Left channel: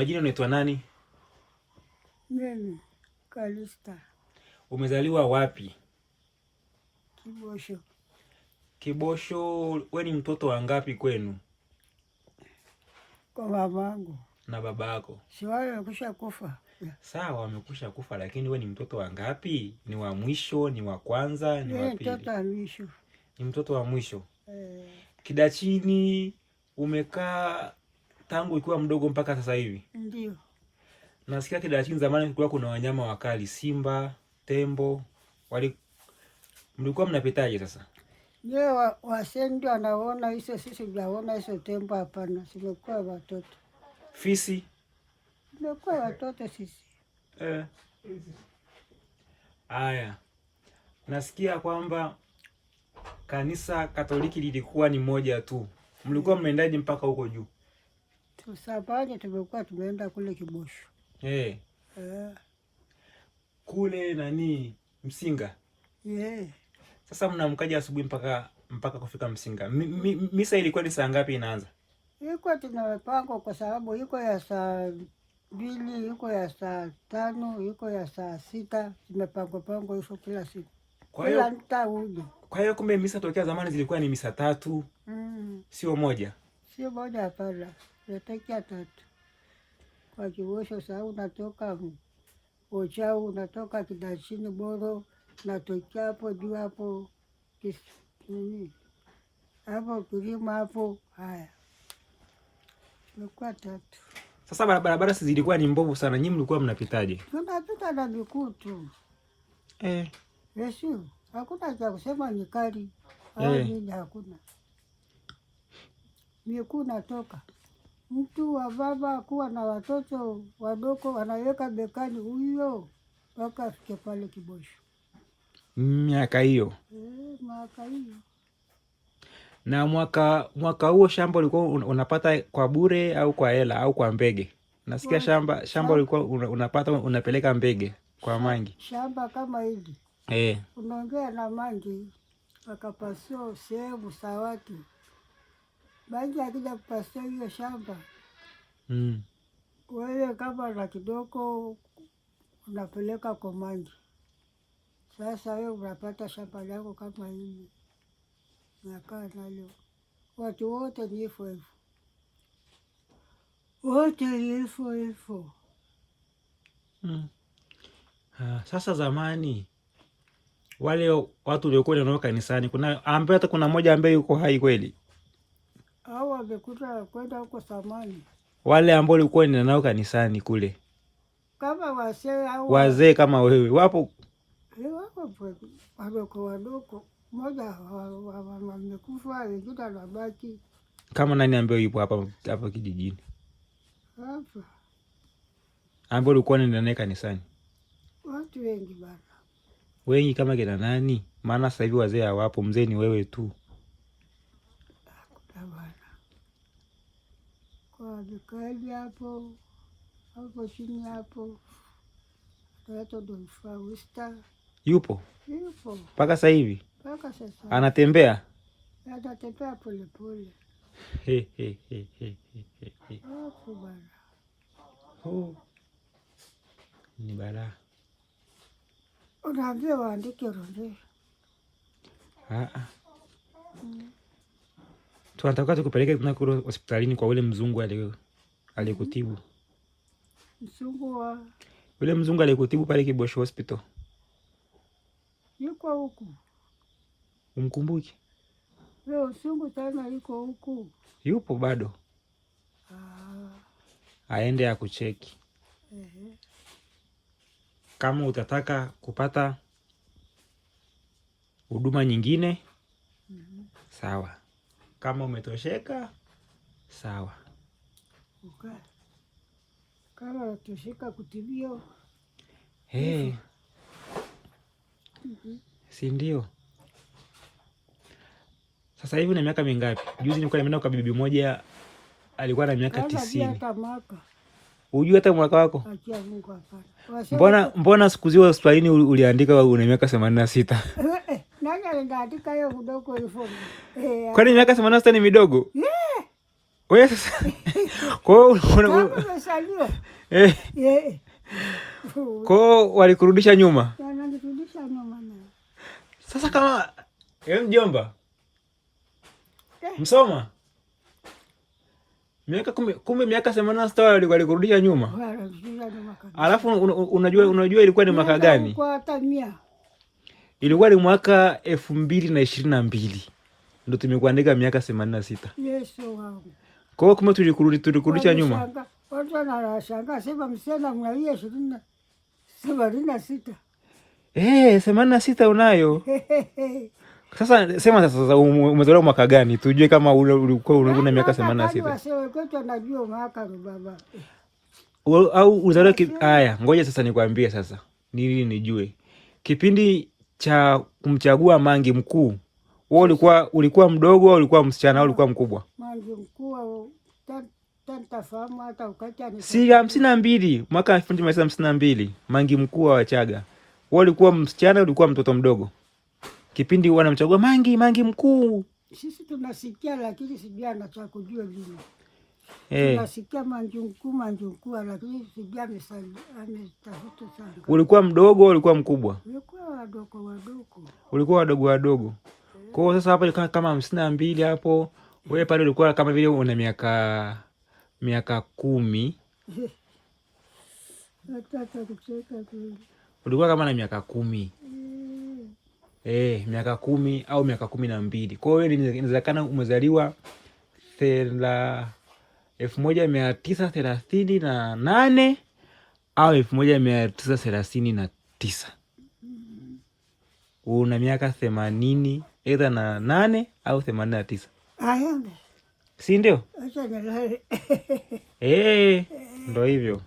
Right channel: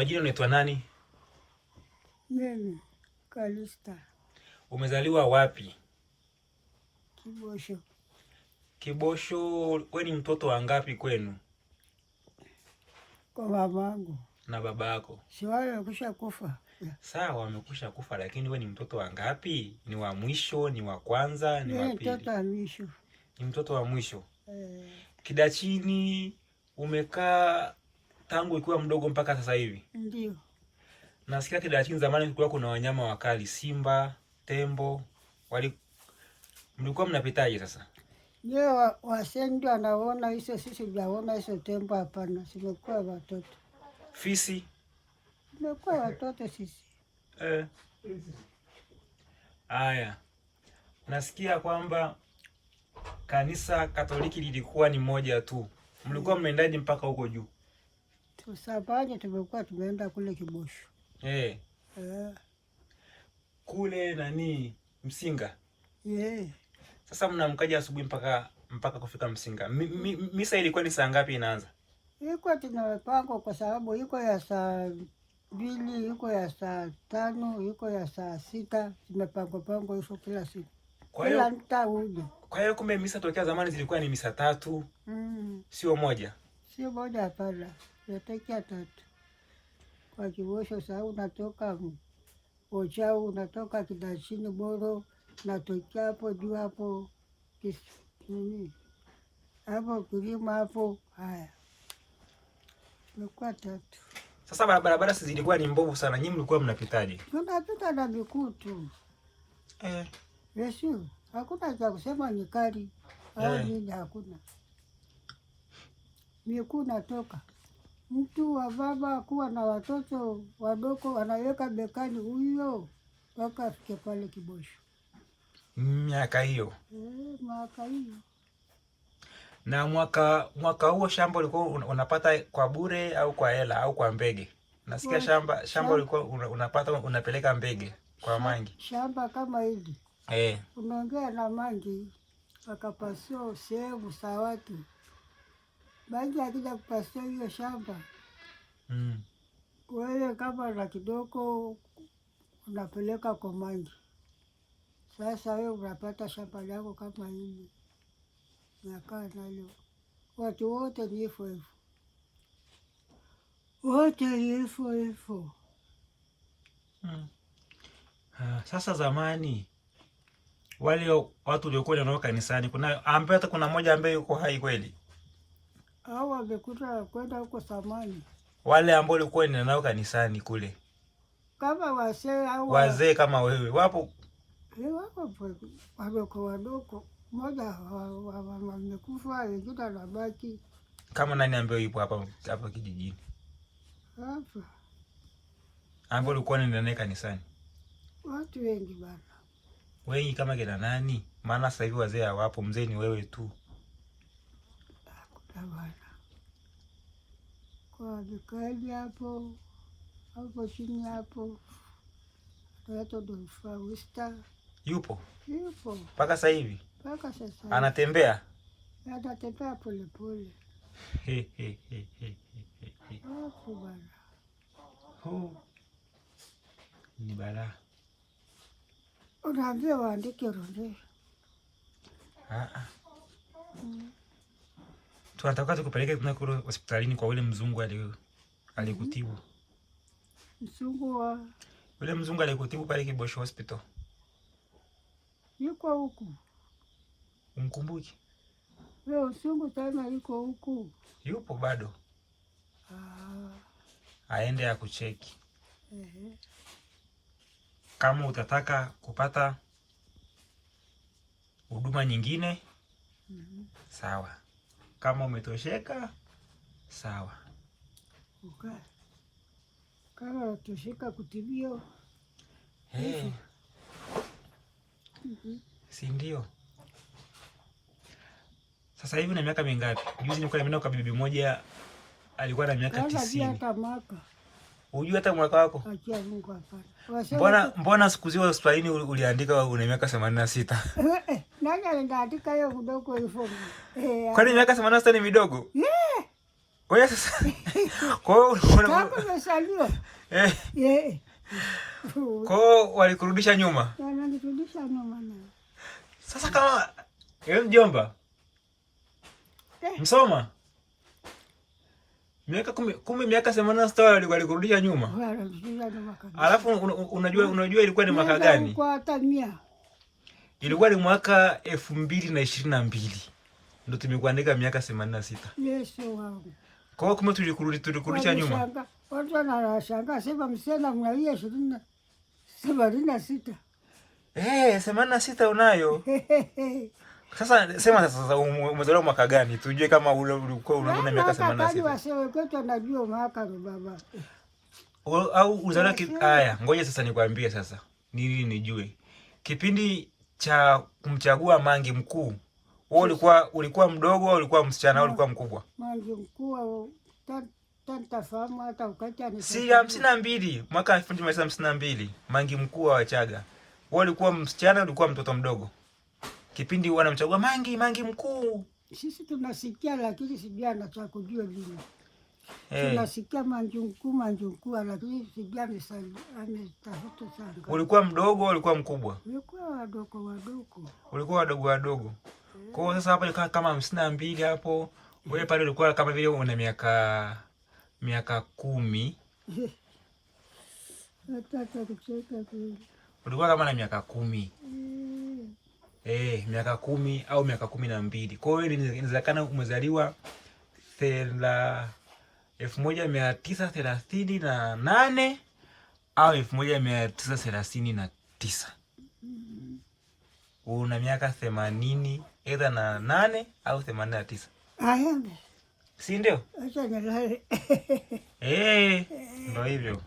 Majina unaitwa nani? Mimi Kalista. Umezaliwa wapi? Kibosho. Kibosho. We ni mtoto wa ngapi kwenu? Kwa mamangu. Na baba yako? Si wale wamekwisha kufa. Sawa, wamekwisha kufa, lakini we ni mtoto wa ngapi? Ni wa mwisho, ni wa kwanza, ni wa pili? Mtoto wa mwisho. Ni mtoto wa mwisho. Kidachini umekaa tangu ukiwa mdogo mpaka sasa hivi? Ndio. Nasikia Kidachini zamani kulikuwa kuna wanyama wakali, simba, tembo. Mlikuwa mnapitaje sasa? Leo wasendi wanaona hizo, sisi hujaona hizo tembo. Hapana, simekuwa watoto. Fisi? Simekuwa watoto sisi. Aya. Nasikia kwamba kanisa Katoliki lilikuwa ni moja tu. Mlikuwa mnaendaje mpaka huko juu? Tusapanye tumekuwa tumeenda kule Kibosho. Kule nani? Msinga? Sasa mnamkaja asubuhi mpaka kufika Msinga. Misa ilikuwa ni saa ngapi inaanza? Ilikuwa tunapangwa kwa sababu iko ya saa 2, iko ya saa 5, iko ya saa 6. Zimepangwa hivyo kila siku. Kila mtauje. Kwa hiyo kumbe misa tokea zamani zilikuwa ni misa 3. Sio moja? Sio moja, hapana. Yatakia 3. Kwa Kibosho saa unatoka Ochau, unatoka Kidachini Boro, natokea hapo juu hapo hapo Kilima hapo. Haya, ilikuwa 3. Sasa barabara zilikuwa ni mbovu sana, nyinyi mlikuwa mnapitaje? Tunapita na miguu tu. Yesu, hakuna cha kusema ni kali au nini, hakuna. Miguu natoka. Mtu wa baba kuwa na watoto wadogo wanaweka bekani huyo mpaka afike pale Kibosho. Miaka hiyo? Miaka hiyo. Na mwaka huo shamba ulikuwa unapata kwa bure au kwa hela au kwa mbege? Nasikia shamba ulikuwa unapata unapeleka mbege kwa mangi. Shamba kama hili. Unaongea na mangi akapasua sehemu za watu. Mangi akija kupasua hiyo shamba. Wewe kama na kidogo unapeleka kwa mangi. Sasa wewe unapata shamba lako kama hili. Nakaa nalo. Watu wote ni hivyo hivyo. Wote ni hivyo hivyo. Sasa zamani wale watu waliokuwa wanao kanisani, kuna mmoja ambaye yuko hai kweli? Hao wamekuta kwenda huko zamani. Wale ambao walikuwa nao kanisani kule. Kama wazee kama wewe wapo? Wapo wadogo. Mmoja wamekufa, wengine wanabaki. Kama nani ambaye yupo hapa kijijini? Hapa. Ambao ulikuwa unaenda kanisani? Watu wengi bana. Wengi kama kina nani? Maana sasa hivi wazee hawapo, mzee ni wewe tu. Hakuna bana. Kwa vikali hapo chini hapo. Watu ndio Fausta. Yupo? Yupo. Mpaka sasa hivi? Mpaka sasa. Anatembea? Anatembea pole pole. Hapo bana. Ni balaa. Unaambia waandike orodha. Tunataka tukupeleke kule hospitalini kwa ule mzungu aliyekutibu. Mzungu wa? Ule mzungu aliyekutibu pale Kibosho Hospital. Yuko huku. Umkumbuki? Leo mzungu tena yuko huku. Yupo bado? Aende akucheki. Kama utataka kupata huduma nyingine, sawa. Kama umetosheka, sawa. Kama unatosheka kutibio. Si ndio? Sasa hivi una miaka mingapi? Juzi nilikuwa nimeenda kwa bibi moja alikuwa na miaka 90. Hata mwaka. Hujui hata mwaka wako? Acha Mungu hapana. Mbona siku zile hospitalini uliandika una miaka 86? Nani aliandika hiyo kidogo hivyo? Kwani miaka 86 ni midogo? Wewe sasa kwa kama umesaliwa kwa walikurudisha nyuma, wananirudisha nyuma na sasa kama mjomba Msoma miaka kumbe miaka 86 walikurudisha nyuma. Alafu unajua ilikuwa ni mwaka gani? Kwa hata 100. Ilikuwa ni mwaka 2022 ndio tumekuandika miaka 86. Yesu wangu. Kwa hiyo kumbe tulikurudisha nyuma. Watu wanashangaa sema msela mnalia 86. 86 unayo. Sasa sema sasa umezaliwa mwaka gani? Tujue kama ulikuwa una miaka 86. Wasewe kwetu anajua mwaka baba. Au uzaliwa haya, ngoja sasa nikwambie sasa. Nini nijue. Kipindi cha kumchagua Mangi mkuu, wewe ulikuwa mdogo au ulikuwa msichana au ulikuwa mkubwa? Mangi mkuu tafahamu hata ukacha ni. Si 52, mwaka 1952, Mangi mkuu wa Wachaga. Wewe ulikuwa msichana, ulikuwa mtoto mdogo? Kipindi wanamchagua Mangi mkuu. Sisi tunasikia lakini sijui anacha kujua lini. Tunasikia Mangi mkuu lakini sijui ametafuta sana. Ulikuwa mdogo au ulikuwa mkubwa? Ulikuwa wadogo. Ulikuwa wadogo. Kwa hiyo sasa hapo kama 52 hapo, wewe pale ulikuwa kama vile una miaka 10. Nataka kucheka tu. Ulikuwa kama na miaka 10. Miaka 10 au miaka 12. Kwa hiyo inawezekana umezaliwa 1938 au 1939. Una miaka 80 either na 8 au 89. Ayambe. Si ndio? Acha nilale. Ndio hivyo.